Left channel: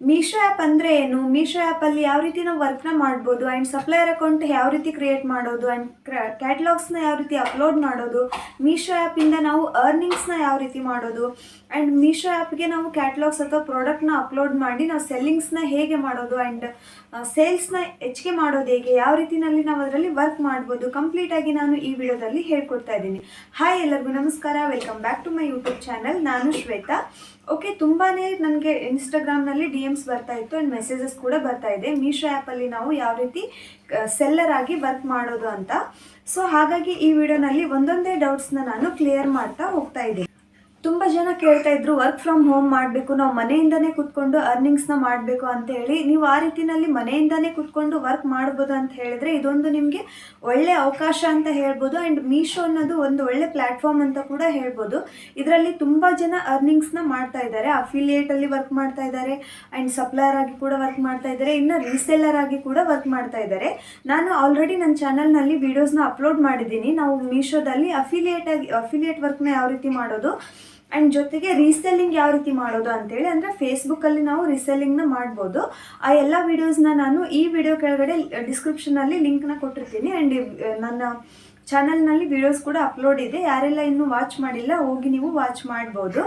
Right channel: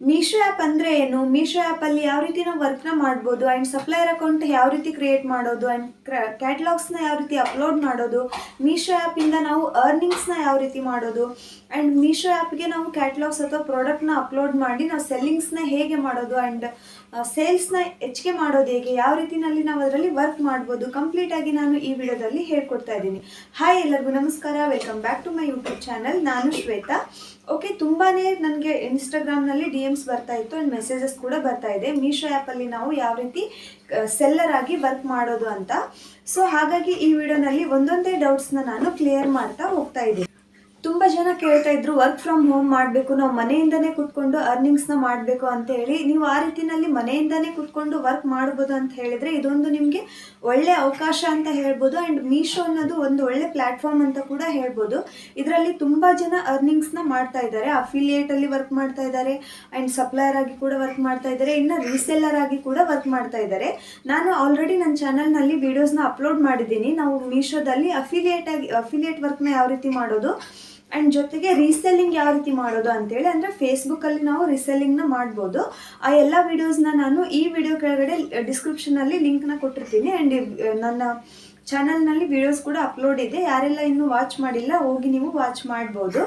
Meesho app ಅಂದರೆ ಏನು? ಮೀಶೋ ಆ್ಯಪಲ್ಲಿ ಯಾವ ರೀತಿ ನಾವು ವರ್ಕ್ನ ಮಾಡ್ಬೋದು ಆ್ಯಂಡ್ ಸಪ್ಲೈಯರ್ ಅಕೌಂಟ್ ಯಾವ ರೀತಿ ಕ್ರಿಯೇಟ್ ಮಾಡೋದು ಆ್ಯಂಡ್ ಕ್ಯಾಟ್ಲಾಗ್ಸ್ನ ಯಾವ ರೀತಿ ಅಪ್ಲೋಡ್ ಮಾಡೋದು, ಮೀಶೋ ಆ್ಯಪಿಂದ ನಾವು ಅರ್ನಿಂಗ್ಸ್ನ ಯಾವ ರೀತಿ ಮಾಡೋದು ಆ್ಯಂಡ್ ಮೀಶೋ ಆ್ಯಪ್ಗೆ ನಾವು ಕ್ಯಾಟ್ಲಾಗ್ಸ್ ಅಥವಾ ಪ್ರಾಡಕ್ಟ್ನ ಅಪ್ಲೋಡ್ ಮಾಡಿ ನಾವು ಸೆಲ್ಲಿಂಗ್ಸ್ನ ಹೇಗೆ ಮಾಡೋದು ಆ್ಯಂಡ್ ಸೇಲ್ಸ್ನ ಹೆಚ್ಚಿಗೆ ಮಾಡೋದು ಹೇಗೆ, ಯಾವ ರೀತಿಯಲ್ಲಿ ನಾವು ಅದರಲ್ಲಿ ವರ್ಕ್ ಮಾಡ್ಬೋದು ಕಂಪ್ಲೀಟಾಗಿ ನಾನು ಈ ವಿಡಿಯೋದಲ್ಲಿ ಹೇಳ್ಕೊಡ್ತಾ ಇದ್ದೀನಿ. ಹಾಯ್, ಎಲ್ಲರಿಗೂ ನಮಸ್ಕಾರ, welcome back to my YouTube channel. ನಾನು ಶ್ವೇತಾ. ಓಕೆ, ತುಂಬಾ ನನಗೆ ಇನ್ಸ್ಟಾಗ್ರಾಮ್ನಲ್ಲಿ DMs ಬರ್ತಾ ಇತ್ತು ಆ್ಯಂಡ್ ಮೆಸೇಜಸ್ ಕೂಡ ಬರ್ತಾ ಇದೆ ಮೀಶೋ ಆ್ಯಪಲ್ಲಿ ನಾವು ಯಾವ ರೀತಿ ಸೆಲ್ಲರ್ ಆಗಿ ವರ್ಕ್ ಮಾಡೋದು ಅಂತ. ಸೊ ಹಾಗಾಗಿ ಈ ವಿಡಿಯೋನಲ್ಲಿ ಒಂದೊಂದೇ ಡೌಟ್ಸ್ನ ನಾನು ಕ್ಲಿಯರ್ ಮಾಡ್ತಾ ಹೋಗ್ತಾ ಇದ್ದೀನಿ. ತುಂಬ ಜನ ಕೇಳ್ತಾ ಇದ್ರು ವರ್ಕ್ ಫ್ರಮ್ ಹೋಮ್ ಮಾಡಬೇಕು, ನಾವು ಮನೆಯಿಂದನೇ ಕೂತ್ಕೊಂಡು ಅರ್ನಿಂಗ್ಸ್ನ ಮಾಡಬೇಕು ಅಂತ ಹೇಳಿ. ನೀವು ಆ ರೀತಿಯಲ್ಲಿ ಮನೆಯಿಂದನೇ ಕೂತ್ಕೊಂಡು ವರ್ಕ್ ಮಾಡ್ಬೋದು ಅಂತ ಹೇಳಿದರೆ ಇದೊಂದು ನಿಮಗೆ ಒಳ್ಳೆ ಅವಕಾಶ ಅಂತ ಹೇಳ್ಬೋದು. ಆ್ಯಂಡ್ ಮೀಶೋ ಅನ್ನೋದು ಒಂದು ಒಳ್ಳೆ ಪ್ಲ್ಯಾಟ್ಫಾರ್ಮ್ ಅಂತ ಕೂಡ ಹೇಳ್ಬೋದು. ಇದರಲ್ಲಿ ತುಂಬ ಜನ ಅರ್ನಿಂಗ್ಸ್ನ ಮಾಡ್ತಾ ಇದ್ದಾರೆ. ಅಫಿಲಿಯೇಟಲ್ಲಿ ವರ್ಕ್ ಮಾಡ್ತಾ ಇದ್ದಾರೆ ಆ್ಯಂಡ್ ಸಪ್ಲೈಯರ್ ಆಗಿ ಕೂಡ ವರ್ಕ್ ಮಾಡ್ತಾ ಇದ್ದಾರೆ, ಇನ್ನು ರೀಸೆಲ್ಲರ್ ಆಗಿ ಕೂಡ ವರ್ಕ್ ಮಾಡ್ತಾ ಇದ್ದಾರೆ. ನಾನು ಆಲ್ರೆಡಿ ನನ್ನ ಚಾನಲ್ನಲ್ಲಿ ವೀಡಿಯೋಸ್ನ ಅಪ್ಲೋಡ್ ಮಾಡಿದ್ದೀನಿ. ನಾವು ಮೀಶೋದಲ್ಲಿ ಅಫಿಲಿಯೇಟ್ ವರ್ಕ್ನ ಯಾವ ರೀತಿ ಮಾಡೋದು ಆ್ಯಂಡ್ ಜೊತೆಗೆ ರೀಸೆಲ್ಲಿಂಗ್ ಯಾವ ರೀತಿ ಮಾಡೋದು ಅಂತೇಳಿ, ಅಂದರೆ ಫೇಸ್ಬುಕ್ಕಲ್ಲಿ ನಾವು ರೀಸೆಲ್ಲಿಂಗ್ನ ಮಾಡ್ಬೋದು. ಆ ಎಲ್ಲ ವೀಡಿಯೋಸ್ನ ನಾನು ಈ ವಿಡಿಯೋ ಕೆಳಗಡೆ ಡಿಸ್ಕ್ರಿಪ್ಷನಲ್ಲಿ ಲಿಂಕ್ನ ಕೊಟ್ಟಿರ್ತೀನಿ. ಆ್ಯಂಡ್ ನನ್ನ ಚಾನಲ್ನಲ್ಲಿ ವೀಡಿಯೋಸ್ ಕೂಡ ಅಪ್ಲೋಡ್ ಇದೆ. ಯಾರೆಲ್ಲ ಇನ್ನೂ ವಾಚ್ ಮಾಡಿಲ್ಲ ಹೋಗಿ ನೀವು ವಾಚ್ ಮಾಡ್ಬೋದು.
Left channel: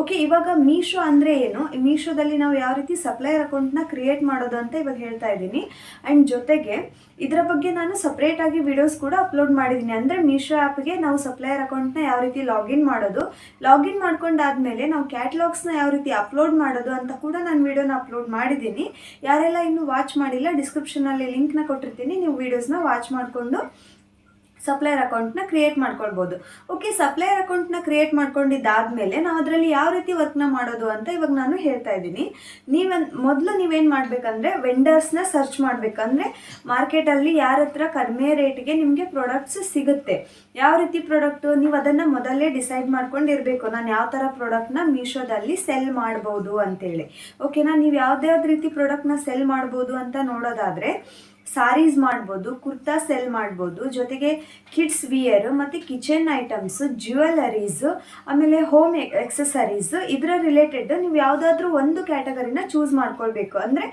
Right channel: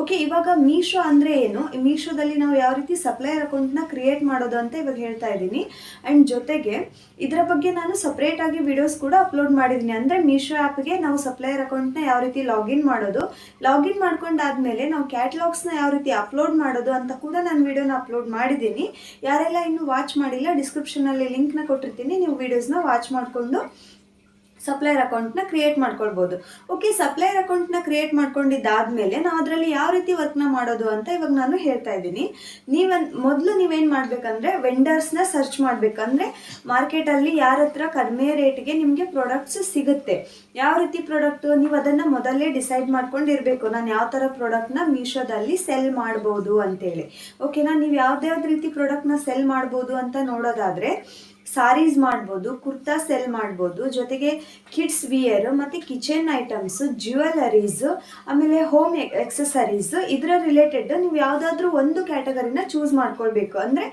ಓಕೆ, ಇವಾಗ ಮೀಶೋ ಅಂದರೆ ಏನು, ಮೀಶೋದಲ್ಲಿ ನಾವು ಯಾವ ರೀತಿ ಸಪ್ಲೈಯರ್ ಅಕೌಂಟ್ನ ಕ್ರಿಯೇಟ್ ಮಾಡೋದು ಅಂತ ಇವಾಗ ಹೇಳ್ತಾ ಇದ್ದೀನಿ. ಆ್ಯಂಡ್ ಜೊತೆಗೆ ಇದರ ಬಗ್ಗೆ ನಾನು ಸಪ್ರೇಟಾಗಿ ವೀಡಿಯೋಸ್ ಕೂಡ ಅಪ್ಲೋಡ್ ಮಾಡಿದ್ದೀನಿ. ಅಂದರೆ ಮೀಶೋ ಆ್ಯಪ್ಗೆ ನಾವು ಸಪ್ಲೈಯರ್ ಅಕೌಂಟ್ನ ಯಾವ ರೀತಿ ಲಾಗಿನ್ ಮಾಡೋದು, ಲಾಗಿನ್ ಮಾಡ್ಕೊಂಡಾದಮೇಲೆ ನಾವು ಕ್ಯಾಟ್ಲಾಗ್ಸ್ನ ಯಾವ ರೀತಿ ಅಪ್ಲೋಡ್ ಮಾಡೋದು ಅಂತ ಕೂಡ ನಾನು ವೀಡಿಯೋನ ಅಪ್ಲೋಡ್ ಮಾಡಿದ್ದೀನಿ. ಯಾರೆಲ್ಲ ಇನ್ನೂ ವಾಚ್ ಮಾಡಿಲ್ಲ ಡಿಸ್ಕ್ರಿಪ್ಷನಲ್ಲಿ ಲಿಂಕ್ನ ಕೊಟ್ಟಿರ್ತೀನಿ, ನೀವು ವೀಡಿಯೋಸ್ನ ವಾಚ್ ಮಾಡಿಕೊಂಡು ಸಪ್ಲೈಯರ್ ಅಕೌಂಟ್ನ ಕ್ರಿಯೇಟ್ ಮಾಡ್ಕೊಳ್ಬೋದು. ಓಕೆ, ಸಪ್ಲೈಯರ್ ಅಕೌಂಟ್ನ ಕ್ರಿಯೇಟ್ ಮಾಡ್ಕೊಂಡಿದ್ದಾದಮೇಲೆ ನಾವು ಅದರಲ್ಲಿ ಯಾವ ರೀತಿ ವರ್ಕ್ನ ಮಾಡೋದು ಅಂತ ಇವಾಗ ನಾನು ಹೇಳ್ತಾ ಇದ್ದೀನಿ. ಮೊದಲು ನೀವೇನು ಮಾಡಬೇಕಂದ್ರೆ ವೆಂಡರ್ಸ್ನ ಸರ್ಚ್ ಮಾಡಬೇಕಂದ್ರೆ ಮಾರ್ಕೆಟಲ್ಲಿ ಯಾರ ಹತ್ರ ಕಡಿಮೆ ರೇಟ್ಗೆ ನಿಮಗೆ ಪ್ರಾಡಕ್ಟ್ಸ್ ಸಿಗುತ್ತೆ, ಯಾವ ರೀತಿ ಪ್ರಾಡಕ್ಟು ನೀವು ಅದನ್ನು ಮೊದಲೇ ಡಿಸೈಡ್ ಮಾಡ್ಕೊಂಡಿರಬೇಕು. ನಾನು ಯಾವ ಥರ ಪ್ರಾಡಕ್ಟ್ನ ಮೀಶೋದಲ್ಲಿ ಸೆಲ್ ಮಾಡ್ಬೋದು ಅಂತೇಳಿ. ಓಕೆನಾ, ನೀವು ಯಾವುದ್ಯಾವ್ದು ರೀತಿ ಪ್ರಾಡಕ್ಟ್ನ ಸೆಲ್ ಮಾಡ್ಬೋದು ಅಂತ ನೋಡೋದಾದರೆ ಸಾರೀಸ್ ಮಾಡ್ಬೋದು, ಕುರ್ತಾ ಸೆಲ್ ಮಾಡ್ಬೋದು, ಜೊತೆಗೆ ಕಿಡ್ಸ್ ವಿಯರ್ ಮತ್ತು ಕಿಚನ್ ಐಟಮ್ಸು, ಜ್ಯುವೆಲರೀಸು, ಆಮೇಲೆ ಹೋಮ್ ಎಕ್ಸಸರೀಸು, ಇದರ ರಿಲೇಟೆಡ್ ನೀವು ಯಾವುದಾದ್ರೂ ಒಂದು ಕ್ಯಾಟಗರಿನ ಚೂಸ್ ಮಾಡ್ಕೊಳ್ಬೇಕು. ಅಂದರೆ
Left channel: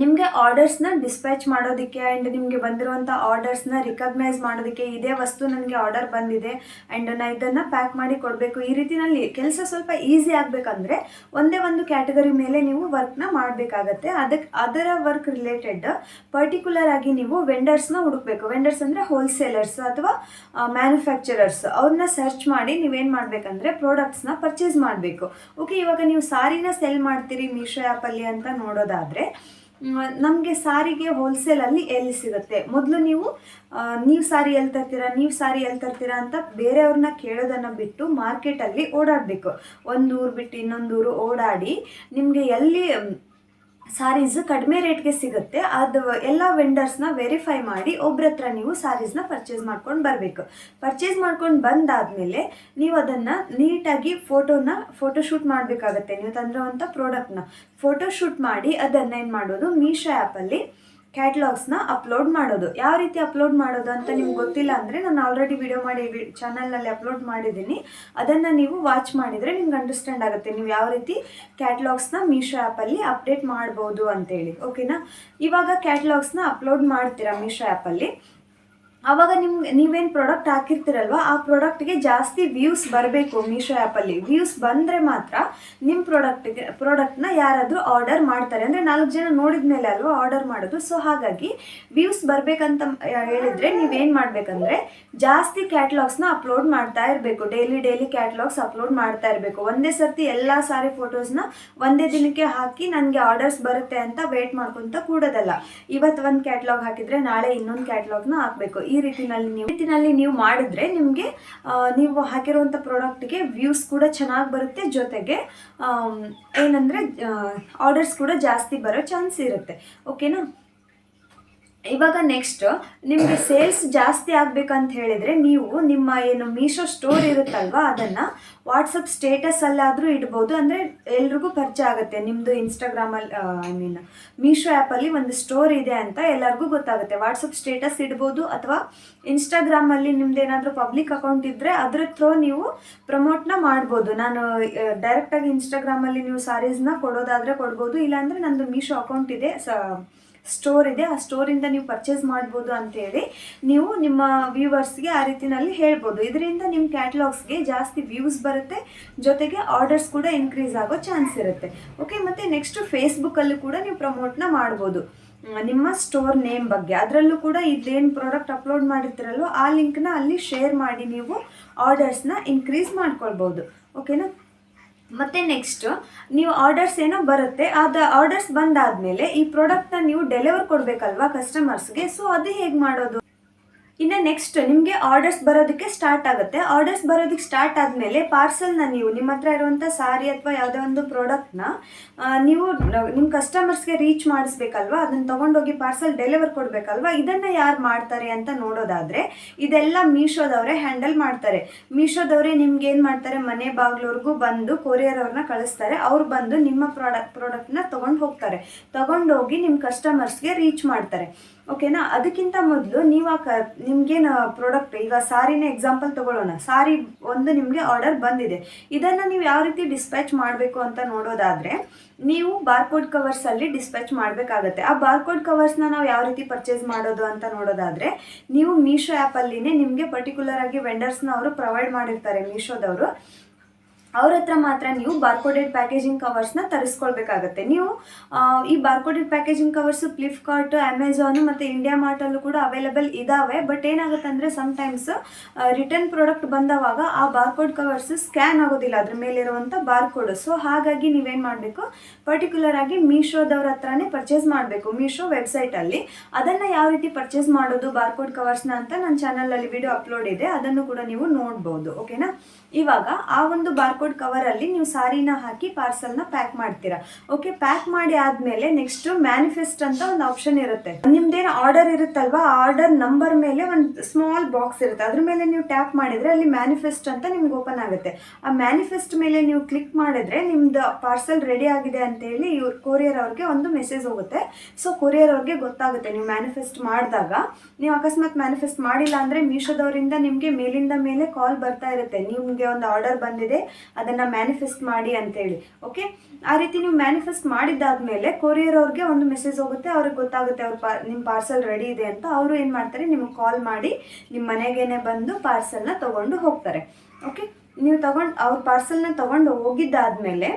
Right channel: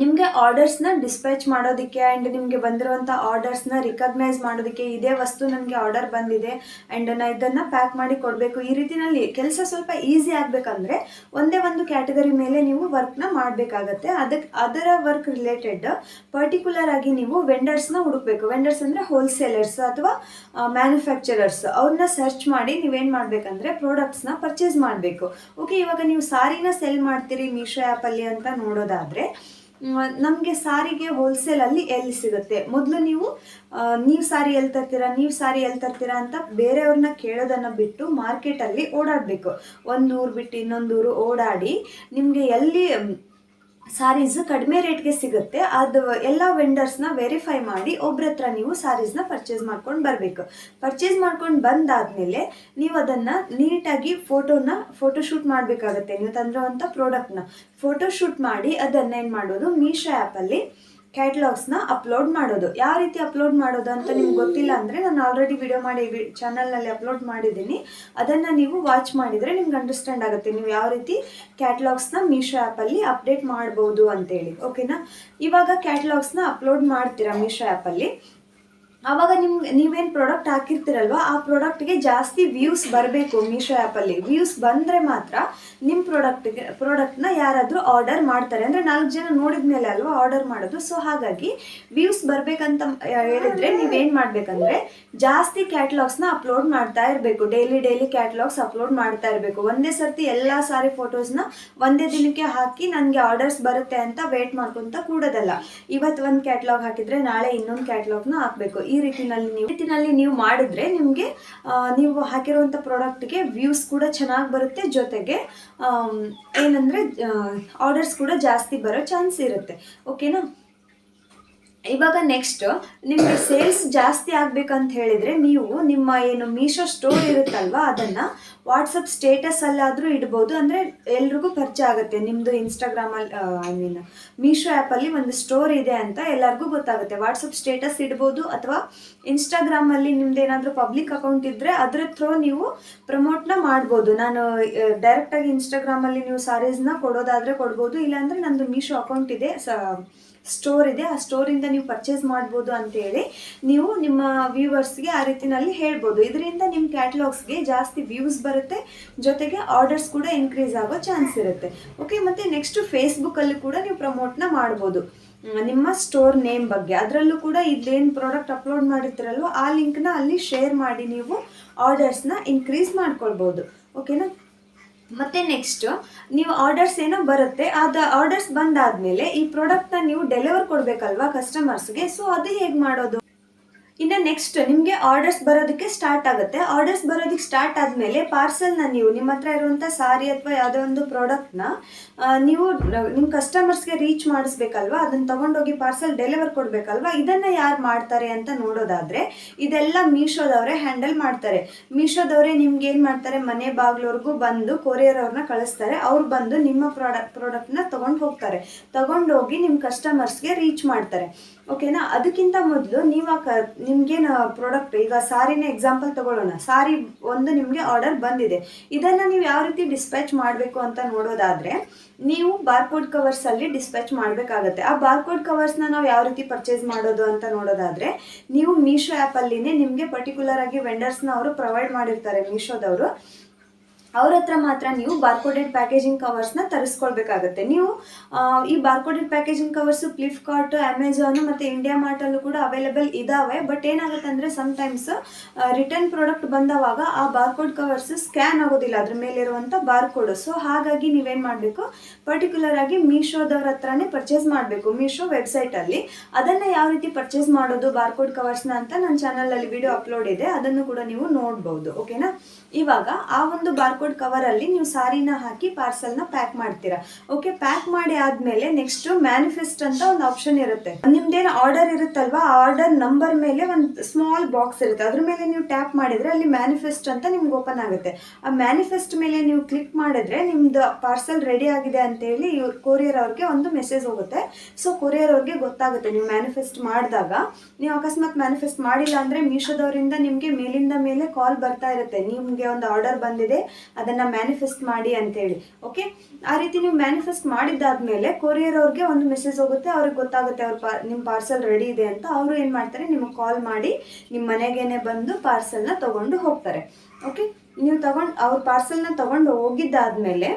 ನಿಮಗೆ ಆರ್ಡರ್ಸ್ನ ಡಿಸ್ಪ್ಯಾಚ್ ಮಾಡೋದಕ್ಕೆ ಆ್ಯಂಡ್ ನಿಮಗೆ ಬಂದಿರುವಂಥ ಆರ್ಡರ್ಸ್ನ ರಿಕಗ್ನೈಸ್ ಮಾಡೋದಕ್ಕೆ, ಇದೇ ವಸ್ತು ನನಗೆ ಆರ್ಡರ್ ಬಂದಿದೆ ಆ್ಯಂಡ್ ನಾನು ಇದನ್ನು ಪ್ಯಾಕ್ ಮಾಡಿ ಕೊಡಬೇಕು, ಈ ರೀತಿಯಲ್ಲಿ ಕೆಲಸ ಸ್ವಲ್ಪ ಈಸಿ ಆಗಬೇಕಂದ್ರೆ ಒಂದೇ ಒಂದು ಕ್ಯಾಟಗರಿ ಮೇಲೆ ನೀವು ವರ್ಕ್ನ ಮಾಡಬೇಕಾಗತ್ತೆ. ಅದರ ವರ್ಕ್ ರಿಲೇಟೆಡ್ ಪರ್ಟಿಕ್ಯುಲರ್ ಆಗಿ ನೀವು ವೆಂಡರ್ಸ್ನ ಹುಡುಕಬೇಕು. ವೆಂಡರ್ಸ್ ಅಂದರೆ ಹೋಲ್ಸೇಲರ್ಸ್ ಅಥವಾ ಮ್ಯಾನುಫ್ಯಾಕ್ಚರರ್ಸ್, ಅವ್ರನ್ನ ಸರ್ಚ್ ಮಾಡಿ ನೀವೇನು ಮಾಡಬೇಕಂದ್ರೆ ಪ್ರಾಡಕ್ಟ್ಸ್ನ ಪರ್ಚೇಸ್ ಮಾಡಬೇಕು. ಓಕೆ, ಇವಾಗ ನೀವು ಸಾರಿನ ಸೆಲ್ ಮಾಡ್ತೀರಿ ಮೀಶೋ ಆ್ಯಪಲ್ಲಿ ಅಂತ ನೋಡೋದಾದರೆ ನಮಗೆ ಸಾರಿಗೆ ಹೋಲ್ಸೇಲಲ್ಲಿ ಎಲ್ಲಿ ಸಿಗುತ್ತೆ, ಮೊದಲು ನೀವು ಸಾರಿ ಎಲ್ಲಿ ತರ್ತೀರಾ ಅಂತ ಬೇರೆಯವ್ರನ್ನ ಕೇಳೋದನ್ನು ಬಿಟ್ಟು ಮಾರ್ಕೆಟಲ್ಲಿ ಓಡಾಡಬೇಕು. ಒಂದು ಊರು ಬಿಟ್ಟು ಇನ್ನೊಂದು ಊರು ಓಡಾಡಿ ನಿಮಗೆ ಎಲ್ಲಿ ಸಾರೀಸು ಕಡಿಮೆ ರೇಟ್ಗೆ ಸಿಗುತ್ತೆ ಅದು ಎಲ್ಲ ವೆಂಡರ್ಸ್ನ ವೆರಿಫೈ ಮಾಡಿ ಒಬ್ಬರ ಹತ್ರ ನೀವು ಸಾರೀಸ್ನ ಪರ್ಚೇಸ್ ಮಾಡ್ಕೊಂಡು ಬರಬೇಕು. ಪರ್ಚೇಸ್ ಮಾಡ್ಕೊಂಡು ಬಂದಾದಮೇಲೆ ನೀವು ಅದನ್ನು ನೀಟಾಗಿ ಫೋಟೋಶೂಟ್ ಮಾಡಬೇಕಾಗತ್ತೆ. ನೀವು ತಂದಿರುವಂಥ ಪ್ರಾಡಕ್ಟ್ನ ಫೋಟೋಶೂಟ್ ಮಾಡಿ ಅದನ್ನು ಏನು ಮಾಡೋದು, ಮೀಶೋ ಆ್ಯಪಲ್ಲಿ ಕ್ಯಾಟ್ಲಾಗ್ಸ್ನ ಅಪ್ಲೋಡ್ ಮಾಡೋದು. ಯಾವ ರೀತಿ ಅಪ್ಲೋಡ್ ಮಾಡೋದು ಅಂತ ನಿಮ್ಗೆ ಗೊತ್ತಿಲ್ಲ ಅಂದರೆ ನಾನು ಆಲ್ರೆಡಿ ವಿಡಿಯೋ ಮಾಡಿ ಚಾನಲ್ನಲ್ಲಿ ಅಪ್ಲೋಡ್ ಮಾಡಿದ್ದೀನಿ, ಅದನ್ನು ನೀವು ವಾಚ್ ಮಾಡಿದರೆ ನಿಮ್ಗೆ ಅಂಡರ್ಸ್ಟ್ಯಾಂಡ್ ಆಗುತ್ತೆ ನೀವು ಯಾವ ರೀತಿ ಕ್ಯಾಟ್ಲಾಗ್ಸ್ನ ಮೀಶೋ ಆ್ಯಪಲ್ಲಿ ಅಪ್ಡೇಟ್ ಮಾಡ್ಬೋದು ಅಂತೇಳಿ. ಓಕೆನಾ, ಇವಾಗ ಕ್ಯಾಟ್ಲಾಗ್ಸ್ನ ಅಪ್ಲೋಡ್ ಮಾಡ್ತೀರಾ ಮೀಶೋ ಆ್ಯಪಲ್ಲಿ. ಆವಾಗ ನೀವೇನು ಪ್ರಾಡಕ್ಟ್ ಹಾಕಿರ್ತೀರಲ್ವ ಆ ಪ್ರಾಡಕ್ಟ್ಗೆ ಜಾಸ್ತಿ ವ್ಯೂಸ್ ಬರಬೇಕು. ಮೀಶೋ ಆ್ಯಪಲ್ಲಿ ವ್ಯೂಸ್ ಬಂದರೆ ಮಾತ್ರ ನಿಮ್ಮ ಪ್ರಾಡಕ್ಟ್ನ ಯಾರಾದರೂ ಆರ್ಡರ್ ಮಾಡ್ತಾರೆ. ಅಂದರೆ 4 ಜನ ನೋಡಿದ ಮೇಲೆ ಅಲ್ವಾ ಆರ್ಡರ್ ಮಾಡೋದು. ಸೊ ಹಾಗಾಗಿ ವ್ಯೂಸ್ ಬರಬೇಕಂತ ಹೇಳಿದರೆ ನೀವೇನು ಮಾಡಬೇಕಂದ್ರೆ ಜಾಸ್ತಿ ಕ್ಯಾಟ್ಲಾಗ್ಸ್ನ ಅಪ್ಲೋಡ್ ಮಾಡ್ತಾ ಇರಬೇಕು. ಡೈಲಿ ಕ್ಯಾಟ್ಲಾಗ್ಸ್ ಅಪ್ಲೋಡ್ ಮಾಡ್ತಾ ಇರಬೇಕು. ಒಂದೇ ಸರ್ತಿ ಎಲ್ಲ ಸಾರಿ ಫೋಟೋಸ್ನ ಒಂದೇ ದಿನಕ್ಕೆ ಹಾಕಿ ನನಗೆ ಆರ್ಡರ್ಸ್ ಬರುತ್ತೆ ಅಂತ ವೇಟ್ ಮಾಡ್ಕೊತ ಕೂಡೋದಲ್ಲ. ಇವತ್ತು ಒಂದು ಕ್ಯಾಟ್ಲಾಗ್ ಹಾಕಿದರೆ ನಾಳೆ ಇನ್ನೊಂದು ಕ್ಯಾಟ್ಲಾಗ್ನ ಹಾಕಬೇಕು. ಈ ರೀತಿನಲ್ಲಿ ನೀವು ಮಾಡಿದ್ರೆ ನಿಮಗೆ ನೀವು ಹಾಕಿರುವಂಥ ಪ್ರಾಡಕ್ಟ್ಗೆ ವ್ಯೂಸ್ ಕೂಡ ಚೆನ್ನಾಗಿ ಬರುತ್ತೆ, ಜೊತೆಗೆ ಏನಂದರೆ ಆರ್ಡರ್ಸ್ ಕೂಡ ಜಾಸ್ತಿ ಬರೋ ಚಾನ್ಸ್ ಇರುತ್ತೆ. ಓಕೆನಾ, ಇವಾಗ ನೆಕ್ಸ್ಟ್ ನಿಮಗೆ ಸೇಲ್ಸ್ ಜಾಸ್ತಿ ಆಗಬೇಕಂತ ಹೇಳಿದರೆ ನೀವು ನಿಮ್ಮ ಏನು ಮೀಶೋ ಸ್ಟೋರ್ ಇರುತ್ತಲ್ವ ಅದನ್ನು ವಾಟ್ಸಪ್ ಸ್ಟೇಟಸಲ್ಲಾದರೂ ಇಡ್ಬೋದು. ಅಂದರೆ ಎಲ್ರಿಗೂ ಪರಿಚಯ ಆಗುತ್ತೆ ನಿಮ್ಮದು ಇನ್ಸ್ಟಾಗ್ರಾಮಲ್ಲಿ ಮೀಶೋ ಆ್ಯಪಲ್ಲಿ ಒಂದು ಸ್ಟೋರ್ ಇದೆ ಅಂತ ಎಲ್ಲರಿಗೂ ಗೊತ್ತಾಗುತ್ತೆ. ವಾಟ್ಸಪ್ ಸ್ಟೇಟಸ್ ಇಡ್ಬೋದು ಅಥವಾ ಇನ್ಸ್ಟಾಗ್ರಾಮಲ್ಲಿ ನಿಮ್ದು ಏನಾದರೂ ಪಬ್ಲಿಕ್ ಅಕೌಂಟ್ ಇದ್ದರೆ ಅದ್ರ ಥ್ರೂ ನೀವು ಪ್ರಮೋಟ್ನ ಮಾಡ್ಬೋದು. ನಾನು ಡೈರೆಕ್ಟಾಗಿ ಇನ್ಸ್ಟಾಗ್ರಾಮಲ್ಲಿ ನೀವು ಸಾರೀಸ್ನ ಕೊಡೋದಾದರೆ ಕೊಡ್ಬೋದು, ಇಲ್ಲಾಂದರೆ ನಂದು ಮೀಶೋ ಅಕೌಂಟ್ ಇದೆ, ಸ್ಟೋರ್ ಇದೆ, ಆ ಸ್ಟೋರಿಂದ ನೀವು ಪರ್ಚೇಸ್ ಮಾಡ್ಬೋದು ಅಂತೇಳಿ ನೀವು ನಿಮ್ಮ ವ್ಯೂವರ್ಸ್ಗೆ ಆ ರೀತಿನಲ್ಲಿ ಹೇಳ್ಬೋದು. ಇದರಿಂದ ನಿಮ್ಮ ಕ್ಯಾಟ್ಲಾಗ್ಸ್ಗೆ ಜಾಸ್ತಿ ವ್ಯೂಸ್ ಬರುತ್ತೆ, ಜೊತೆಗೆ ಆರ್ಡರ್ಸ್ ಕೂಡ ಇನ್ಕ್ರೀಸ್ ಆಗೋ ಚಾನ್ಸ್ ಇರುತ್ತೆ. ಓಕೆ, ಮತ್ತು ನೆಕ್ಸ್ಟು ಫೇಸ್ಬುಕ್ಕಲ್ಲೂ ಕೂಡ ನೀವು ಪ್ರಮೋಟ್ನ ಮಾಡ್ಬೋದು ನಿಮ್ಮ ಸ್ಟೋರ್ ನೇಮ್ ಬಗ್ಗೆ. ಅದರಲ್ಲೂ ಕೂಡ ಇದೇನು ಪ್ರಾಡಕ್ಟ್ ಅಪ್ಲೋಡ್ ಮಾಡಿರ್ತೀರಲ್ವ ಆ ಲಿಂಕ್ನ ಅಲ್ಲಿ ಶೇರ್ ಮಾಡಿ ನೀವು ಆರ್ಡರ್ಸ್ನ ಇನ್ಕ್ರೀಸ್ ಮಾಡ್ಕೊಳ್ಬೋದು. ಓಕೆನಾ. ಮತ್ತು ನೆಕ್ಸ್ಟು ನೀವು ಆರ್ಡರ್ಸ್ ಏನೋ ಬರುತ್ತೆ, ಅದು ಆರ್ಡರ್ಸ್ ಬಂದಾದಮೇಲೆ ಈ ಪ್ರಾಡಕ್ಟ್ನ ನೀವು ಡೆಲಿವರ್ ಕೊಡಬೇಕಲ್ವಾ ಕಸ್ಟಮರ್ಸ್ಗೆ. ಸೊ ಅದು ಹೇಗೆ ಮಾಡೋದು? ಇನ್ನು ನೆಕ್ಸ್ಟ್ ನಿಮಗೆ ಆರ್ಡರ್ಸ್ ಬರೋದಕ್ಕೆ ಸ್ಟಾರ್ಟ್ ಆಗುತ್ತೆ. ಆರ್ಡರ್ಸ್ ಬರೋದಕ್ಕೆ ಸ್ಟಾರ್ಟ್ ಆದಮೇಲೆ ಪಾರ್ಸಲ್ನ ನೀವು ನಿಮ್ಮ ಹತ್ರ ಇರುವಂಥ ಸಾರಿ ಅಥವಾ ಯಾವುದೋ ಒಂದು ಪ್ರಾಡಕ್ಟ್ನ ನೀವು ನಿಮ್ಮ ಕಸ್ಟಮರ್ಸ್ಗೆ ರೀಚ್ ಮಾಡಿಸ್ಬೇಕಲ್ವ, ಅದನ್ನು ತೊಗೊಂಡೋಗಿ ಪಾರ್ಸಲ್ ಡೆಲಿವರ್ ಕೊಡಬೇಕಲ್ವ. ಇದನ್ನು ಯಾರು ಮಾಡ್ತಾರೆ ಅಂತ ನೋಡೋದಾದರೆ ಇದೆಲ್ಲ ಮೀಶೋದವರೇ ಹ್ಯಾಂಡಲ್ ಮಾಡ್ತಾರೆ. ಮೀಶೋದವರೇ ನಿಮ್ಗೆ ಏನು ಮಾಡ್ತಾರೆ, ಮನೆ ಬಾಗಿಲವ್ರಿಗೂ ಬಂದು ಕೊರಿಯರ್ ಅವ್ರನ್ನ ಕಳಿಸ್ತಾರೆ. ಅವ್ರು ಬಂದು ನಿಮ್ಮ ಪ್ರಾಡಕ್ಟ್ನ ತೊಗೊಂಡು ಹೋಗ್ತಾರೆ, ತೊಗೊಂಡೋಗಿ ನಿಮ್ಮ ಕಸ್ಟಮರ್ಸ್ಗೆ ರೀಚ್ ಮಾಡ್ತಾರೆ. ಓಕೆನಾ. ಅದಕ್ಕಿಂತ ಮೊದಲು ನೀವು ನಿಮಗೇನು ಪ್ರಾಡಕ್ಟ್, ಈಗ ಸಾರಿನ ಎಕ್ಸಾಂಪಲ್ ತೊಗೊಳ್ಳೋಣ. ಸಾರಿ ಒಂದು ನಿಮಗೆ ಆರ್ಡರ್ ಬಂದಿದೆ, ಇದನ್ನು ನೀವು ಯಾವ ರೀತಿ ಡಿಸ್ಪ್ಯಾಚ್ ಮಾಡಬೇಕು ಅಂತ ನೋಡೋದಾದರೆ ನೀವು ಬಾರ್ಕೋಡ್ ಕವರ್ಸಲ್ಲಿ ಡಿಸ್ಪ್ಯಾಚ್ ಮಾಡಬೇಕಾಗತ್ತೆ. ಆ ಬಾರ್ಕೋಡ್ ಕವರ್ಸ್ನ ನಾವು ಯಾವ ರೀತಿ ಪರ್ಚೇಸ್ ಮಾಡೋದು ಅಂತ ನೋಡೋದಾದರೆ ನೀವು ಮೀಶೋ ಆ್ಯಪಲ್ಲಿನೇ ನಿಮಗೆ ಪರ್ಟಿಕ್ಯುಲರ್ ಆಗಿ ವೆಂಡರ್ಸ್ನ ಅವರು ಪ್ರೊವೈಡ್ ಮಾಡಿರ್ತಾರೆ ಮೀಶೋದವರು. ಅವ್ರ ಹತ್ರ ಮಾತ್ರ ನೀವು ಬಾರ್ಕೋಡೆಡ್ ಪ್ಯಾಕೇಜಿಂಗ್ ಕವರ್ಸ್ನ ತರಿಸ್ಕೊಳ್ಬೇಕಾಗತ್ತೆ. ನೀವು ಈ ಬಾರ್ಕೋಡೆಡ್ ಪ್ಯಾಕೇಜಿಂಗ್ ಕವರ್ಸು ಫ್ಲಿಪ್ಕಾರ್ಟ್, ಅಮೆಝಾನು ಮತ್ತು ಇಂಡಿಯಾ ಮಾರ್ಟಲ್ಲೂ ಕೂಡ ಅವೈಲೇಬಲ್ ಇದ್ದಾವೆ. ಬಟ್ ಏನಾಗುತ್ತೆ ಅಂದರೆ ಸಮ್ಟೈಮ್ಸ್ ರಿಟರ್ನ್ ಪ್ರಾಡಕ್ಟ್ ಬಂದವಾಗ ಆ ಬಾರ್ಕೋಡ್ ಕವರ್ಸು ಸ್ಕ್ಯಾನ್ ಆಗೋದಿಲ್ಲ ಅದ್ರ ಮೇಲಿರುವಂಥ ಬಾರ್ಕೋಡು. ಸೊ ಹಾಗಾಗಿ ನೀವೇನು ಮಾಡಬೇಕು, ಪರ್ಟಿಕ್ಯುಲರ್ ಆಗಿ ಮೀಶೋದವ್ರ ಹತ್ರನೇ ಪರ್ಚೇಸ್ ಮಾಡಬೇಕು, ಮೀಶೋ ವೆಬ್ಸೈಟಲ್ಲಿ. ಅದನ್ನು ಯಾವ ರೀತಿ ಪರ್ಚೇಸ್ ಮಾಡೋದು ಬಾರ್ಕೋಡ್ ಕವರ್ಸ್ನ ಅಂತ ನನ್ನ ಚಾನಲಲ್ಲಿ ವಿಡಿಯೋ ಅಪ್ಲೋಡ್ ಇದೆ, ಅದನ್ನು ಕೂಡ ನೀವು ನೋಡ್ಬೋದು. ಓಕೆನಾ. ಇವಾಗ ಆ ಒಂದು ಬಾರ್ಕೋಡ್ ಕವರಲ್ಲಿ ನೀವು ಸಾರಿನ ಹಾಕಿ ಪಾರ್ಸಲ್ನ ಪ್ಯಾಕ್ ಮಾಡ್ತೀರಾ. ಓಕೆ, ಪ್ಯಾಕ್ ಮಾಡಿ ಆದಮೇಲೆ ನೆಕ್ಸ್ಟ್ ಮ್ಯಾನಿಫೆಸ್ಟ್ ಅಂತ ಒಂದು ಆಪ್ಷನ್ ಇರುತ್ತೆ. ನಿಮ್ದೇನು ಆರ್ಡರ್ ಇರುತ್ತಲ್ವಾ, ಆ ಆರ್ಡರ್ ನಂಬರ್ ಮೇಲೆ ಒಂದು ಸ್ಮಾಲ್ ಬಾಕ್ಸ್ ಇರುತ್ತೆ, ಅದ್ರ ಮೇಲೆ ನೀವು ಟ್ಯಾಪ್ ಮಾಡಿದರೆ ಅಲ್ಲಿ ಮ್ಯಾನಿಫೆಸ್ಟ್ ಅಂತ ನಿಮ್ಗೆ ಓಪನ್ ಆಗುತ್ತೆ. ಆ ಮ್ಯಾನಿಫೆಸ್ಟ್ ಮೇಲೆ ನೀವು ಕ್ಲಿಕ್ ಮಾಡಿದ್ರೆ ನಿಮ್ದು ಪಾರ್ಸಲ್ ರೆಡಿ ಆಗಿದೆ ಅಂತೇಳಿ ಕೊರಿಯರ್ ಅವ್ರಿಗೆ ಒಂದು ಮೆಸೇಜ್ ಹೋಗುತ್ತೆ. ಸೊ ಕೊರಿಯರ್ ಅವ್ರಿಗೆ ಗೊತ್ತಾಗುತ್ತೆ ನೀವು ಮ್ಯಾನಿಫೆಸ್ಟ್ ಮಾಡಿದಾಗ. ನೀವು ಅಕಸ್ಮಾತ್ ಮ್ಯಾನಿಫೆಸ್ಟ್ ಮಾಡಿಲ್ಲ ಅಂದರೆ ಮೀಶೋದವರಿಂದ ನಿಮಗೆ ಮೇಲಿಂದ ಮೇಲೆ ಕಾಲ್ ಬರ್ತಾ ಇರುತ್ತೆ, ನಿಮಗೆ ಒಂದು ಆರ್ಡರ್ ಬಂದಿದೆ ಅದನ್ನು ಮ್ಯಾನಿಫೆಸ್ಟ್ ಮಾಡಿ ಅಂತೇಳಿ. ಓಕೆ, ಆ ರೀತಿ ನೀವು ಮ್ಯಾನಿಫೆಸ್ಟ್ ಮಾಡಿದ್ದಾದಮೇಲೆ ಕೊರಿಯರ್ ಅವ್ರಿಗೆ ಒಂದು ಮೆಸೇಜ್ ಹೋಗುತ್ತೆ, ಅವ್ರಿಗೆ ಗೊತ್ತಾಗುತ್ತೆ ನಿಮ್ಮ ಪಾರ್ಸಲ್ ರೆಡಿ ಇದೆ ಅಂತ. ಅವರು ಏನು ಮಾಡ್ತಾರೆ, ನಿಮಗೆ ಕಾಲ್ ಮಾಡಿ ನಿಮ್ಮ ಮನೆಗೇನೆ ಬಂದು ಪಾರ್ಸಲ್ನ ತೊಗೊಂಡು ಹೋಗ್ತಾರೆ. ಓಕೆ, ನೀವು ಅವ್ರ ಪಾರ್ಸಲ್ನ ತೊಗೊಂಡು ಹೋಗಿದ್ದಾದಮೇಲೆ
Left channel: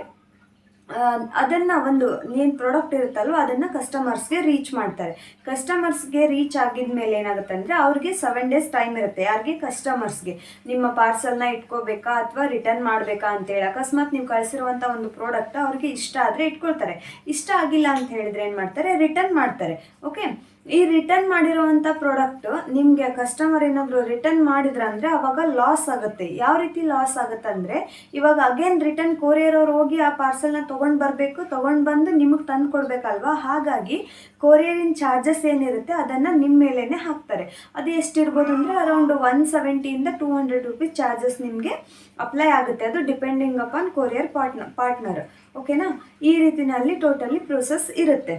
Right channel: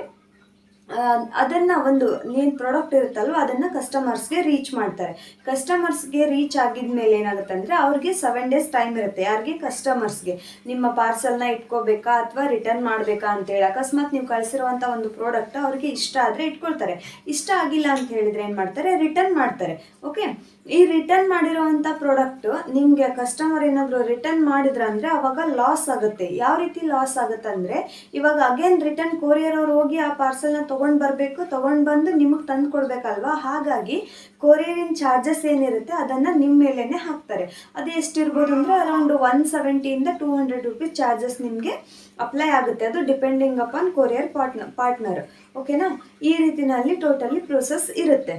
ಅದನ್ನು ಒಂದು ಏನು ಪ್ರಾಡಕ್ಟ್ ಇರುತ್ತಲ್ವ ಅದನ್ನು ಕಸ್ಟಮರ್ಸ್ಗೆ ರೀಚ್ ಮಾಡ್ತಾರೆ. ಕಸ್ಟಮರ್ಸ್ಗೆ ರೀಚ್ ಆಗಿದ ಮೇಲೆ ಏನಾಗುತ್ತೆ ಅಂದರೆ ಅವ್ರಿಗೆ 7 days ಟೈಮ್ ಇರುತ್ತೆ. ಯಾರಿಗೆ? ಕಸ್ಟಮರ್ಸ್ಗೆ. ನಿಮ್ಮ ಪಾರ್ಸಲ್ನ ಇಟ್ಕೋಬೇಕಾ ಅಥವಾ ರಿಟರ್ನ್ ಮಾಡಬೇಕಾ ಅಂತೇಳಿ. ಅಕಸ್ಮಾತ್ ನೀವು ಕಳಿಸಿರುವಂಥ ಒಂದು ಪ್ರಾಡಕ್ಟ್ ಅವ್ರಿಗೆ ಇಷ್ಟ ಆದರೆ ಇಟ್ಕೊಳ್ತಾರೆ, ಇಷ್ಟ ಆಗಿಲ್ಲ ಅಂತ ಹೇಳಿದರೆ ಏನು ಮಾಡ್ತಾರೆ, ರಿಟರ್ನ್ ಮಾಡ್ತಾರೆ. ಓಕೆ, ಈ ರಿಟರ್ನ್ ಮಾಡಿರುವಂಥ ಪ್ರಾಡಕ್ಟು ನಿಮಗೆ ಕಸ್ಟಮರ್ ಏನಾದರೂ ರಿಟರ್ನ್ ಮಾಡಿದ್ರಂದರೆ ಅವಾಗ ಲಾಸ್ ಆಗುತ್ತೆ. ಯಾವ ರೀತಿ ಲಾಸ್ ಆಗುತ್ತೆ ಅಂದರೆ, ಇವಾಗ ಅಗೇನ್ ರಿಟರ್ನ್ ಕೊರಿಯರ್ ಅವ್ರು ಹೋಗಿ ಆ ಪಾರ್ಸಲ್ನ ತೊಗೊಂಡು ಬರಬೇಕು, ತೊಗೊಂಡು ಬಂದು ನಿಮಗೆ ತಂದು ಕೊಡಬೇಕಲ್ವಾ. ಹಾಗಾಗಿ ಕೊರಿಯರಿನ ಚಾರ್ಜಸ್ ಏನಿರುತ್ತೆ ಅದನ್ನು ನಿಮ್ಮ ಮೇಲೇ ಹಾಕ್ತಾರೆ. ಅದು ಎಷ್ಟಿರ್ಬೋದು ಅಂದರೆ ಅರೌಂಡ್ 170 to 200 rupees ಚಾರ್ಜಸ್ ನಿಮಗೆ ಅಪ್ಲೈ ಆಗುತ್ತೆ. ಅದು ಡಿಪೆಂಡಿಂಗ್ ಅಪಾನ್ ಕೊರಿಯರ್ ಪಾರ್ಟ್ನರ್. ಓಕೆನಾ. ಈ ರೀತಿಯಲ್ಲಿ ಟೋಟಲಿ ಪ್ರೋಸೆಸ್ ಇರುತ್ತೆ.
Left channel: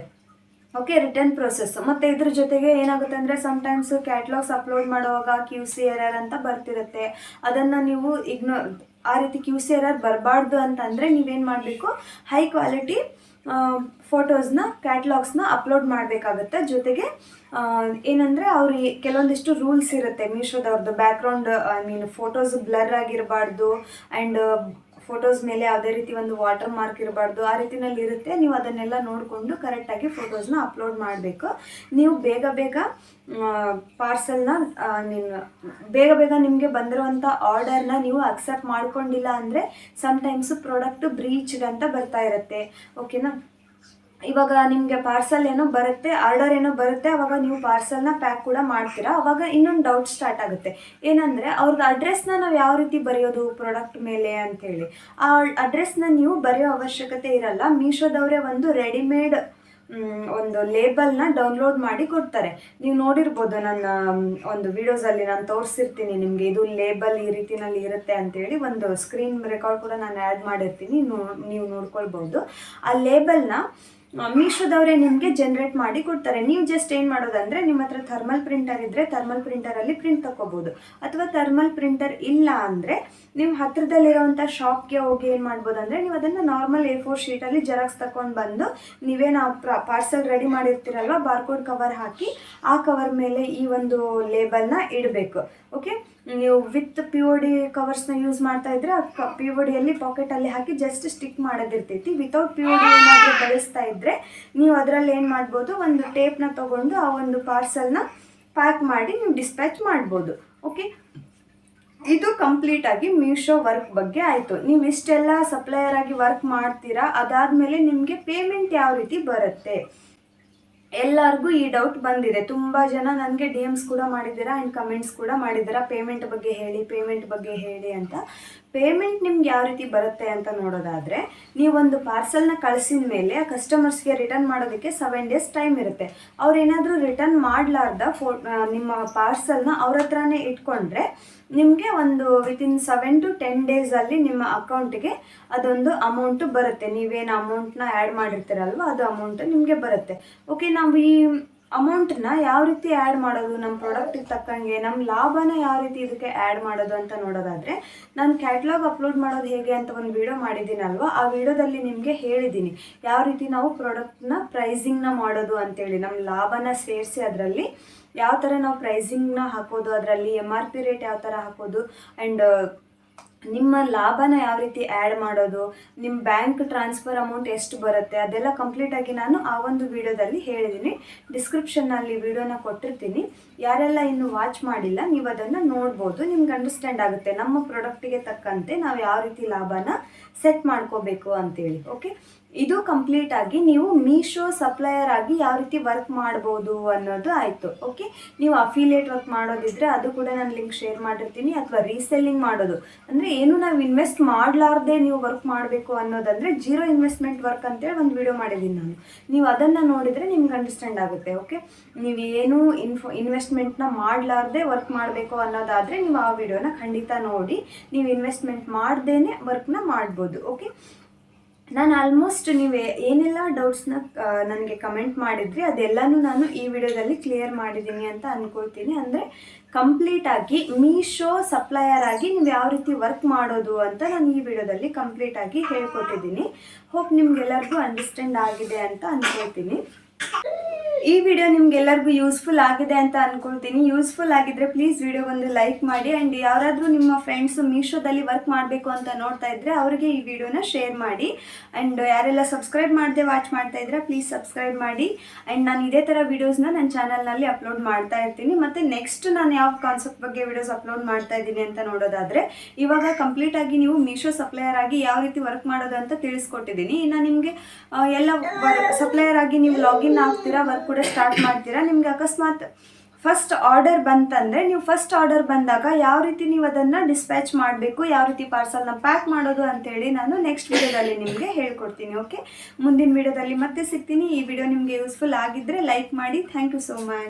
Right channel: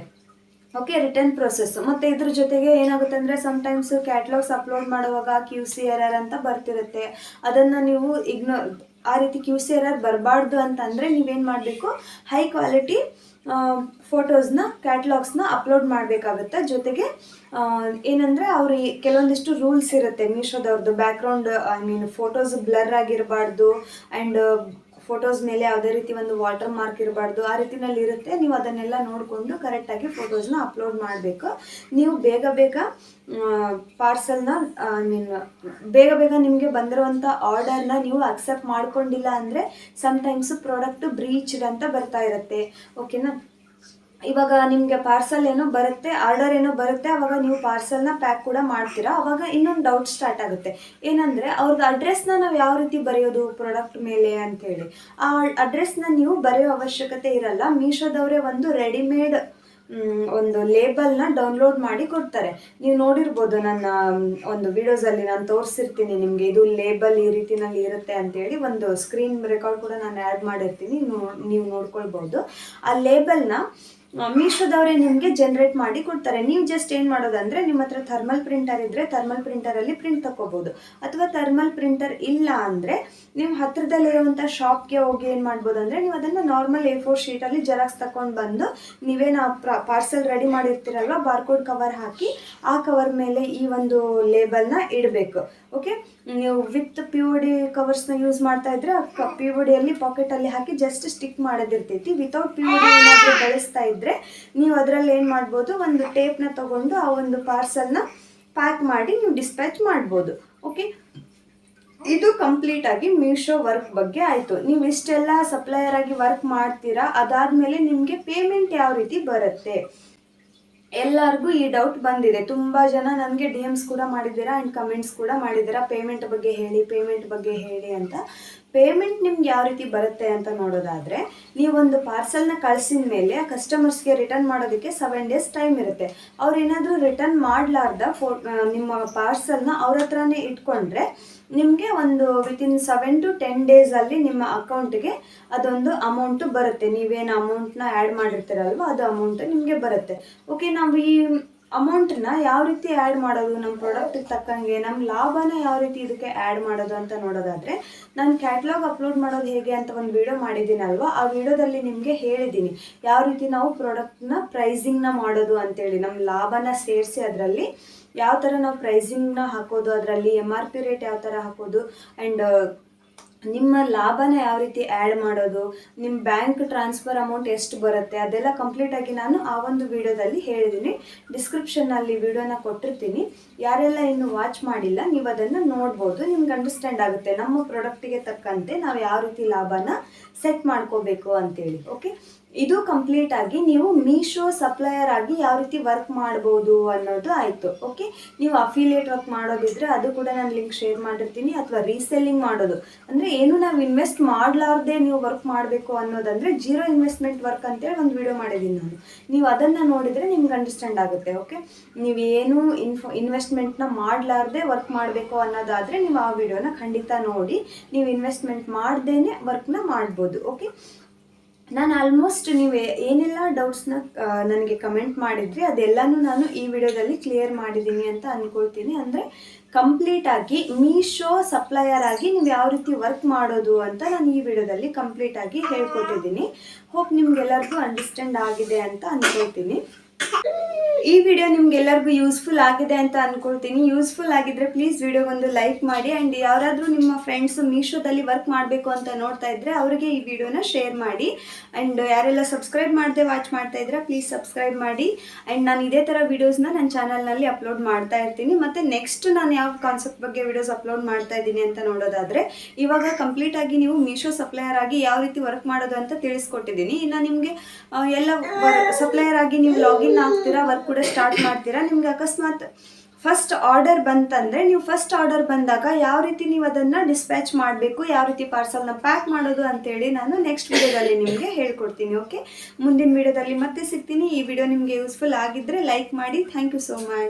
Okay, return process. ಮತ್ತು ಇದ್ರ ಜೊತೆಗೆ ಏನಾಗುತ್ತೆ ಅಂದರೆ ಸಮ್ಟೈಮ್ಸ್ ಕ್ಯಾಟ್ಲಾಗ್ಸ್ ಅಪ್ಲೋಡ್ ಮಾಡುವಾಗ QC ಎರರ್ ಅಂತ ಬರ್ತಿರುತ್ತೆ. ಅದನ್ನು ನೀವು ಆ ರೀತಿ QC ಎರರ್ ಬರಬಾರ್ದು ಅಂತಂದರೆ ನೀವೇನು ಮಾಡಬೇಕು, ಹೈ ಕ್ವಾಲಿಟಿ ಫೋಟೋಸ್ನ ಕ್ಯಾಟ್ಲಾಗ್ಸ್ನ ಅಪ್ಲೋಡ್ ಮಾಡಬೇಕಾಗುತ್ತೆ. ಜೊತೆಗೆ ಏನಂದರೆ ಅವರು ಕೆಲವೊಂದಿಷ್ಟು ರೂಲ್ಸ್ ಇರುತ್ತೆ ಮೀಶೋದವ್ರದ್ದು. ಬ್ಯಾಕ್ಗ್ರೌಂಡ್ ಫೋಟೋಸ್ ಬ್ಲರ್ ಆಗಿರಬಾರ್ದು, ಆ್ಯಂಡ್ ಫೋಟೋಸ್ ಮೇಲೆ ಯಾವುದೇ ರೀತಿ ಒಂದು ವಾಟರ್ ಮಾರ್ಕ್ ಇರಬಾರ್ದು, ಆ ರೀತಿನಲ್ಲಿ ಇರುತ್ತೆ. ನೀವು ಅದನ್ನೆಲ್ಲ ನೋಡಿಕೊಂಡು ಕರೆಕ್ಟಾಗಿ ಫೋಟೋಸ್ನ ಅಪ್ಲೋಡ್ ಮಾಡಬೇಕು. ನೀವು ಬೇಗ ಪಾರ್ಸಲ್ನ ಬೇಗ ನಿಮಗೆ ಬಂದಿರುವಂಥ ಆರ್ಡರ್ನ ನೀವು ಅಕ್ಸೆಪ್ಟ್ ಮಾಡ್ಕೊಂಡಿಲ್ಲ ಅಂದರೆ ಸಮ್ಟೈಮ್ಸ್ ಪ್ರಾಡಕ್ಟು ಬ್ರೀಚ್ಡ್ ಅಂತ ಬರ್ತಾ ಇರುತ್ತೆ. ಓಕೆನಾ. ಇವಾಗ ನಿಮಗೆ ಪಾರ್ಸಲ್ ಏನೋ ಬರುತ್ತೆ, ಆರ್ಡರ್ ಏನೋ ಬರುತ್ತೆ, ಆವಾಗ ನೀವು ಪಾರ್ಸಲ್ನ ಪ್ಯಾಕ್ ಕೂಡ ಮಾಡ್ತೀರಾ. ಆವಾಗ ಇನ್ನೊಂದು ಡೌಟ್ ಸ್ಟಾರ್ಟ್ ಆಗುತ್ತೆ, ಏನಂದರೆ ಅವ್ರದ್ದು ಅಡ್ರೆಸ್ನ ನಾವು ಯಾವ ರೀತಿ ಬರೆಯೋದು ಪ್ರಾಡಕ್ಟ್ ಮೇಲೆ ಅಂಥೇಳಿ. ಆ ಅಡ್ರೆಸ್ನ ನೀವು ಬರೆಯೋ ಅವಶ್ಯಕತೆ ಇರಲ್ಲ. ಮೀಶೋದವರೇ ಒಂದು ರೆಡಿಮೇಡ್ ಒಂದು ಲೇಬಲ್ನ ಡೌನ್ಲೋಡ್ ಮಾಡಿ ಕೊಡ್ತಾರೆ. ನೀವು ನೋಡಿರ್ಬೋದು ನನ್ನ ಒಂದು ವಿಡಿಯೋಸಲ್ಲಿ ನಾನು ತೋರಿಸಿರ್ತೀನಿ ನಿಮಗೆ, ಇದು ಲೇಬಲ್ ಈ ರೀತಿನಲ್ಲಿ ಇರುತ್ತೆ ಅಂತೇಳಿ ಒಂದು ಸ್ಕ್ರೀನ್ ರೆಕಾರ್ಡ್ ಕೂಡ ನಾನು ಆ್ಯಡ್ ಮಾಡಿರ್ತೀನಿ, ನೀವು ನೋಡ್ಕೊಳ್ಬೋದು. ಆ ಲೇಬಲ್ನ ಮೀಶೋದವರೇ ನಿಮಗೆ ಜನ್ರೇಟ್ ಮಾಡಿ ಕೊಡ್ತಾರೆ. ನೀವು ಜಸ್ಟ್ ಏನು ಮಾಡೋದಂದರೆ, ನಿಮ್ಮ ಹತ್ರ ಥರ್ಮಲ್ ಪ್ರಿಂಟರ್ ಇದ್ದರೆ ಥರ್ಮಲ್ ಪ್ರಿಂಟರಲ್ಲಿ ಪ್ರಿಂಟ್ ತಗೋಬೋದು. ಅಥವಾ ಥರ್ಮಲ್ ಪ್ರಿಂಟರ್ ಇಲ್ಲ ಅಂದರೆ ನಿಮ್ಮ ಹತ್ರದಲ್ಲಿರುವಂಥ ಶಾಪ್ಗೆ ಹೋಗಿ ಏನು ಮಾಡ್ಬೋದು ಅಂದರೆ, ನೀವು ಅದನ್ನು ನಾರ್ಮಲ್ A4 ಶೀಟಲ್ಲಿ ಜೆರಾಕ್ಸ್ ತಗೊಂಡು ಬಂದು ನೀವೇನು ಪಾರ್ಸೆಲ್ ರೆಡಿ ಮಾಡಿರ್ತೀರಲ್ವ, ಬಾರ್ಕೋಡ್ ಕವರ್ ಹಾಕಿ ಆ ಕವರ್ ಮೇಲೆ ಈ ಒಂದು ಲೇಬಲ್ನ ಇಡಬೇಕು. ಓಕೆ, ನೀವು ವಿತ್ POD ಕವರ್ಸ್ನ ಯೂಸ್ ಮಾಡ್ತಾ ಇದ್ರೆ PODಯಲ್ಲಿ ಪಾಕೆಟಲ್ಲಿ ಹಾಕಿ ಜಸ್ಟ್ ಸ್ಟಿಕ್ ಮಾಡೋದಿರ್ತೈತಿ. ವಿತೌಟ್ POD ಏನಾದರೂ ಬಳಸ್ತಾ ಇದ್ದರೆ ನೀವು ಅದರಲ್ಲಿ ಏನು ಮಾಡ್ಬೋದು, ಒಂದು ಟೇಪ್ನ ತೊಗೊಂಡು ಆ ಒಂದು ಪಾರ್ಸಲ್ನ ಪ್ಯಾಕ್ ಮಾಡಿ ನೀವು ಡಿಸ್ಪ್ಯಾಚ್ ಮಾಡ್ಬೋದು. ಓಕೆ, ಇದು ಕಂಪ್ಲೀಟಾಗಿ ಮೀಶೋ ವರ್ಕ್ ಬಗ್ಗೆ ಆಯಿತು. ನೀವು ಇಷ್ಟೆಲ್ಲ ಸಪ್ಲೈಯರ್ ಆಗಿ ವರ್ಕ್ ಮಾಡ್ತೀರಾ, ಅದಾದಮೇಲೆ ನಿಮಗೆ ಪೇಮೆಂಟ್ ಯಾವ ರೀತಿ ಬರುತ್ತೆ. ಎಲ್ಲರಿಗೂ ಈ ಡೌಟ್ ಬಂದಿದೆ. ತುಂಬ ಜನ ನನಗೆ DMs ಕೂಡ ಮಾಡಿದ್ದೀರಾ ಆ್ಯಂಡ್ ಕಮೆಂಟ್ಸ್ ಕೂಡ ಮಾಡಿದ್ದೀರಾ, ಪೇಮೆಂಟ್ ಬಗ್ಗೆ ಹೇಳಿ ಅಂತ. ಪೇಮೆಂಟ್ ನಿಮ್ಗೆ ಯಾವ ರೀತಿ ಬರುತ್ತೆ ಅಂತ ನೋಡೋದಾದರೆ, ನೀವೊಂದು ಪಾರ್ಸಲ್ನ ಕಳಿಸಿದ ಮೇಲೆ ಆ ಕಸ್ಟಮರ್ಸ್ಗೆ ರಿಟರ್ನ್ ಮಾಡೋದಕ್ಕೆ 7 days ಟೈಮ್ ಇರುತ್ತೆ. ಅವ್ರೇನಾದರೂ ರಿಟರ್ನ್ ಮಾಡಲಾರ್ದ ನಿಮ್ಮ ಪಾರ್ಸಲ್ನ ಅವ್ರ ಹತ್ರನೇ ಇಟ್ಕೊಂಡ್ರೆ ನಿಮಗೆ ಒಂದು ವಿತಿನ್ 7 to 10 ಡೇಸಲ್ಲಿ ನಿಮ್ಮ ಅಕೌಂಟಿಗೆ ಅದೊಂದು ಅಮೌಂಟು ಬರುತ್ತೆ. ನೀವೇನು ಅಮೌಂಟ್ನ ಆ್ಯಡ್ ಮಾಡಿರ್ತೀರಲ್ವ, ಅದು ಅಮೌಂಟು ನಿಮಗೆ ಬರುತ್ತೆ. ಓಕೆ, ನಾವು ಈ ಅಮೌಂಟನ್ನ ಯಾವ ರೀತಿ ಆ್ಯಡ್ ಮಾಡೋದು, ನಮ್ಮ ಪ್ರಾಡಕ್ಟಿಗೆ ತಕ್ಕಂಗೆ ನಮ್ಮ ಲಾಭನ ಯಾವ ರೀತಿ ಇದಕ್ಕೆ ಆ್ಯಡ್ ಮಾಡೋದು ಅಂತ ನೋಡೋದಾದರೆ, ನಾನು ಕ್ಯಾಟ್ಲಾಗ್ ಅಪ್ಲೋಡ್ ಮಾಡೋದು ಹೇಗೆ ಅಂತ ಒಂದು ವಿಡಿಯೋ ಮಾಡಿದ್ದೀನಲ್ವ, ಆ ವಿಡಿಯೋದಲ್ಲಿ ನಿಮಗೆ ಹೇಳಿದ್ದೀನಿ ಯಾವ ರೀತಿ ನಾವು ಪ್ರಾಡಕ್ಟ್ನ ಪ್ರೈಸಿಂಗ್ನ ಮಾಡೋದು ಅಂತೇಳಿ. ನಮ್ಮ ಲಾಭನ ಸೇರಿಸಿ ಅದರಲ್ಲಿ ಯಾವ ಥರ ನಾವು ಪ್ರೈಸಿಂಗ್ನ ಹಾಕೋದು, ಅದರಲ್ಲಿ MRP ರೇಟ್ ಯಾವ ಥರ ಹಾಕೋದು, ಆ್ಯಂಡ್ ನಿಮ್ಮ ಲಾಭನ ಯಾವ ರೀತಿ ಆ್ಯಡ್ ಮಾಡೋದು, ನಿಮ್ಮ ಬ್ಯಾಂಕ್ ಟ್ರಾನ್ಸ್ಫರ್ ಅಮೌಂಟ್ ಎಷ್ಟು ಬರುತ್ತೆ, ಅದೆಲ್ಲ ಕಂಪ್ಲೀಟಾಗಿ ನಾನು ಆ ಒಂದು ವಿಡಿಯೋದಲ್ಲಿ ಹೇಳಿದ್ದೀನಿ. ಡಿಸ್ಕ್ರಿಪ್ಷನ್ನಲ್ಲಿ ವಿಡಿಯೋನ ಕೊಟ್ಟಿರ್ತೀನಿ. ಯಾರೆಲ್ಲ ಇನ್ನೂ ವಾಚ್ ಮಾಡಿಲ್ಲ ನೀವು ಅದನ್ನು ನೋಡ್ಬೋದು, ನಿಮ್ಗೆ ಅಂಡರ್ಸ್ಟ್ಯಾಂಡ್ ಆಗುತ್ತೆ ನಮ್ಮ ಪ್ರಾಡಕ್ಟಿಗೆ ತಕ್ಕಂತೆ ನಾವು ಯಾವ ರೀತಿ ಲಾಭನ ಸೆಟ್ ಮಾಡ್ಕೋಬೇಕು ಅಂತೇಳಿ. ಓಕೆ, ಇದು ಕಂಪ್ಲೀಟಾಗಿ ನೀವು ಮೀಶೋ ಸಪ್ಲೈಯರ್ ಆಗಿ ಯಾವ ರೀತಿ ವರ್ಕ್ ಮಾಡ್ಬೋದು ಅನ್ನೋದು ಆಯಿತು. ಓಕೆ, ನೀವು ಅಫಿಲಿಯೇಟ್ ವರ್ಕ್ ಮಾಡೋದಿದ್ರೆ ಅದು ಕೂಡ ನಾನು ಲಿಂಕ್ ಶೇರ್ ಮಾಡಿರ್ತೀನಿ. ಅಥವಾ ರೀಸೆಲ್ಲಿಂಗ್ ಮಾಡೋದು ಅಂದರೆ ಏನು ನಾವು ಇನ್ವೆಸ್ಟ್ ಮಾಡಲಾರ್ದೆ ನೀವು ವರ್ಕ್ ಮಾಡಬೇಕು ಅನ್ನೋದಂದರೆ ಜೀರೋ ಇನ್ವೆಸ್ಟ್ಮೆಂಟ್ ವರ್ಕ್ ಅಂತೇಳಿ ಒಂದು ವಿಡಿಯೋ ಮಾಡಿದ್ದೀನಿ ನಾನು. ನೀವು ಅದನ್ನು ನೋಡಿದರೆ ನಿಮ್ಗೆ ಅಂಡರ್ಸ್ಟ್ಯಾಂಡ್ ಆಗುತ್ತೆ. ಓಕೆ, ನೀವು ಏನು ಇನ್ವೆಸ್ಟ್ಮೆಂಟ್ನ ಮಾಡಲಾರ್ದೆ ವರ್ಕ್ ಮಾಡಬೇಕು ಅನ್ನೋದಾದರೆ ನೀವು ಆ ವಿಡಿಯೋನ ಖಂಡಿತ ನೋಡಿ, ನೀವು ಇನ್ವೆಸ್ಟ್ಮೆಂಟ್ ಮಾಡ್ದೇ ವರ್ಕ್ನ ಮಾಡ್ಬೋದು. ಓಕೆ, ನಾನು ಆಲ್ಮೋಸ್ಟ್ ನೀವು ಏನೆಲ್ಲ ಡೌಟ್ಸ್ನ ನನಗೆ ಕಮೆಂಟ್ ಮಾಡಿದ್ರಿ ಅದೆಲ್ಲನೂ ನಾನು ಈ ವಿಡಿಯೋದಲ್ಲಿ ಕ್ಲಿಯರ್ ಮಾಡಿದ್ದೀನಿ ಅಂತ ಅಂದ್ಕೊಳ್ತೀನಿ. ಅಂದರೆ ಕಂಪ್ಲೀಟಾಗಿ ಮೀಶೋ ಸಪ್ಲೈಯರ್ ಆಗಿ ನೀವು ಯಾವ ರೀತಿ ವರ್ಕ್ ಮಾಡೋದು ಅಂತ ನಾನು ಈ ವಿಡಿಯೋದಲ್ಲಿ ಕಂಪ್ಲೀಟಾಗಿ ಹೇಳ್ಕೊಟ್ಟಿದ್ದೀನಿ. ಹೋಪ್ ನಿಮ್ಗೆಲ್ಲರಿಗೂ ಅಂಡರ್ಸ್ಟ್ಯಾಂಡ್ ಆಗಿದೆ ಅಂತ ಅಂದ್ಕೊಳ್ತೀನಿ. ಈ ವಿಡಿಯೋ ನಿಮ್ಗೆಲ್ಲರಿಗೂ ಯೂಸ್ಫುಲ್ ಆಗಿದೆ ಅಂತ ಅಂದ್ಕೊಳ್ತೀನಿ. ಯೂಸ್ಫುಲ್ ಆಗಿದ್ದರೆ ಪ್ಲೀಸ್ ವಿಡಿಯೋಗೊಂದು ಲೈಕ್ ಮಾಡಿ. ಆ್ಯಂಡ್ ಯಾರಾದರೂ ನಿಮ್ಮ ಫ್ರೆಂಡ್ಸು ಮೀಶೋದಲ್ಲಿ ವರ್ಕ್ ಮಾಡಬೇಕು ಅಂತ ನೋಡ್ತಾ ಇದ್ದರೆ ಅವರಿಗೆ ಈ ವಿಡಿಯೋನ ಶೇರ್ ಮಾಡಿ. ಆ್ಯಂಡ್ ಯಾರೆಲ್ಲ ಸಬ್ಸ್ಕ್ರೈಬ್ ಮಾಡದೆ ವಾಚ್ ಮಾಡ್ತಾ ಇದ್ರೆ ಪ್ಲೀಸ್ ಸಬ್ಸ್ಕ್ರೈಬ್ ಮಾಡಿ. ಆ್ಯಂಡ್ ನಾನು ಇದೇ ಥರ ವೀಡಿಯೋಸ್ನ ನನ್ನ ಚಾನಲ್ನಲ್ಲಿ ಅಪ್ಲೋಡ್ ಮಾಡ್ತಾ ಇರ್ತೀನಿ. ಮತ್ತು ನೆಕ್ಸ್ಟ್ ನಾನು ಯಾವ ಕಾನ್ಸೆಪ್ಟ್ ಬಗ್ಗೆ ವಿಡಿಯೋಸ್ ಅಪ್ಲೋಡ್ ಮಾಡ್ತಾ ಇದ್ದೀನಿ ಅಂತ ನೋಡೋದಾದರೆ, ಇವಾಗ ಕಂಪ್ಲೀಟಾಗಿ ನೀವು ಮೀಶೋ ಸಪ್ಲೈಯರ್ ಆಗಿ ಯಾವ ರೀತಿ ವರ್ಕ್ ಮಾಡೋದು ಅಂತ ತಿಳಿಸ್ಕೊಟ್ಟಿದ್ದೀನಿ. ಇನ್ನು ನಿಮಗೆ ಎಲ್ಲ ಸಪ್ಲೈಯರ್ ಆಗಿ ನೀವು ಲಾಗಿನ್ ಆಗ್ತೀರಾ, ವರ್ಕ್ ಕೂಡ ಸ್ಟಾರ್ಟ್ ಮಾಡ್ತೀರಾ. ನಿಮ್ಗೆ ಅಕಸ್ಮಾತ್ ಫಸ್ಟ್ ಆರ್ಡರ್ ಬಂತಂದರೆ, ನೀವು ಫಸ್ಟ್ ಆರ್ಡರ್ ಬಂದಾಗ ಯಾವ ರೀತಿ ನೀವು ಅದನ್ನು ಡಿಸ್ಪ್ಯಾಚ್ ಮಾಡಬೇಕು, ಯಾವ ರೀತಿ ಪಾರ್ಸಲ್ನ ಪ್ಯಾಕ್ ಮಾಡೋದು ಅಂತೇಳಿ ನಾನು ನೆಕ್ಸ್ಟ್ ವಿಡಿಯೋದಲ್ಲಿ ನಿಮಗೆ ಹೇಳ್ಕೊಡ್ತೀನಿ. ಓಕೆ, ಮುಂದಿನ ವಿಡಿಯೋದಲ್ಲಿ ಮತ್ತೆ ಸಿಗ್ತೀನಿ. ಈ ವಿಡಿಯೋ ನಿಮಗೆ ಯೂಸ್ಫುಲ್ ಆಗಿದ್ದರೆ ಲೈಕ್ ಮಾಡಿ. Thank you so much.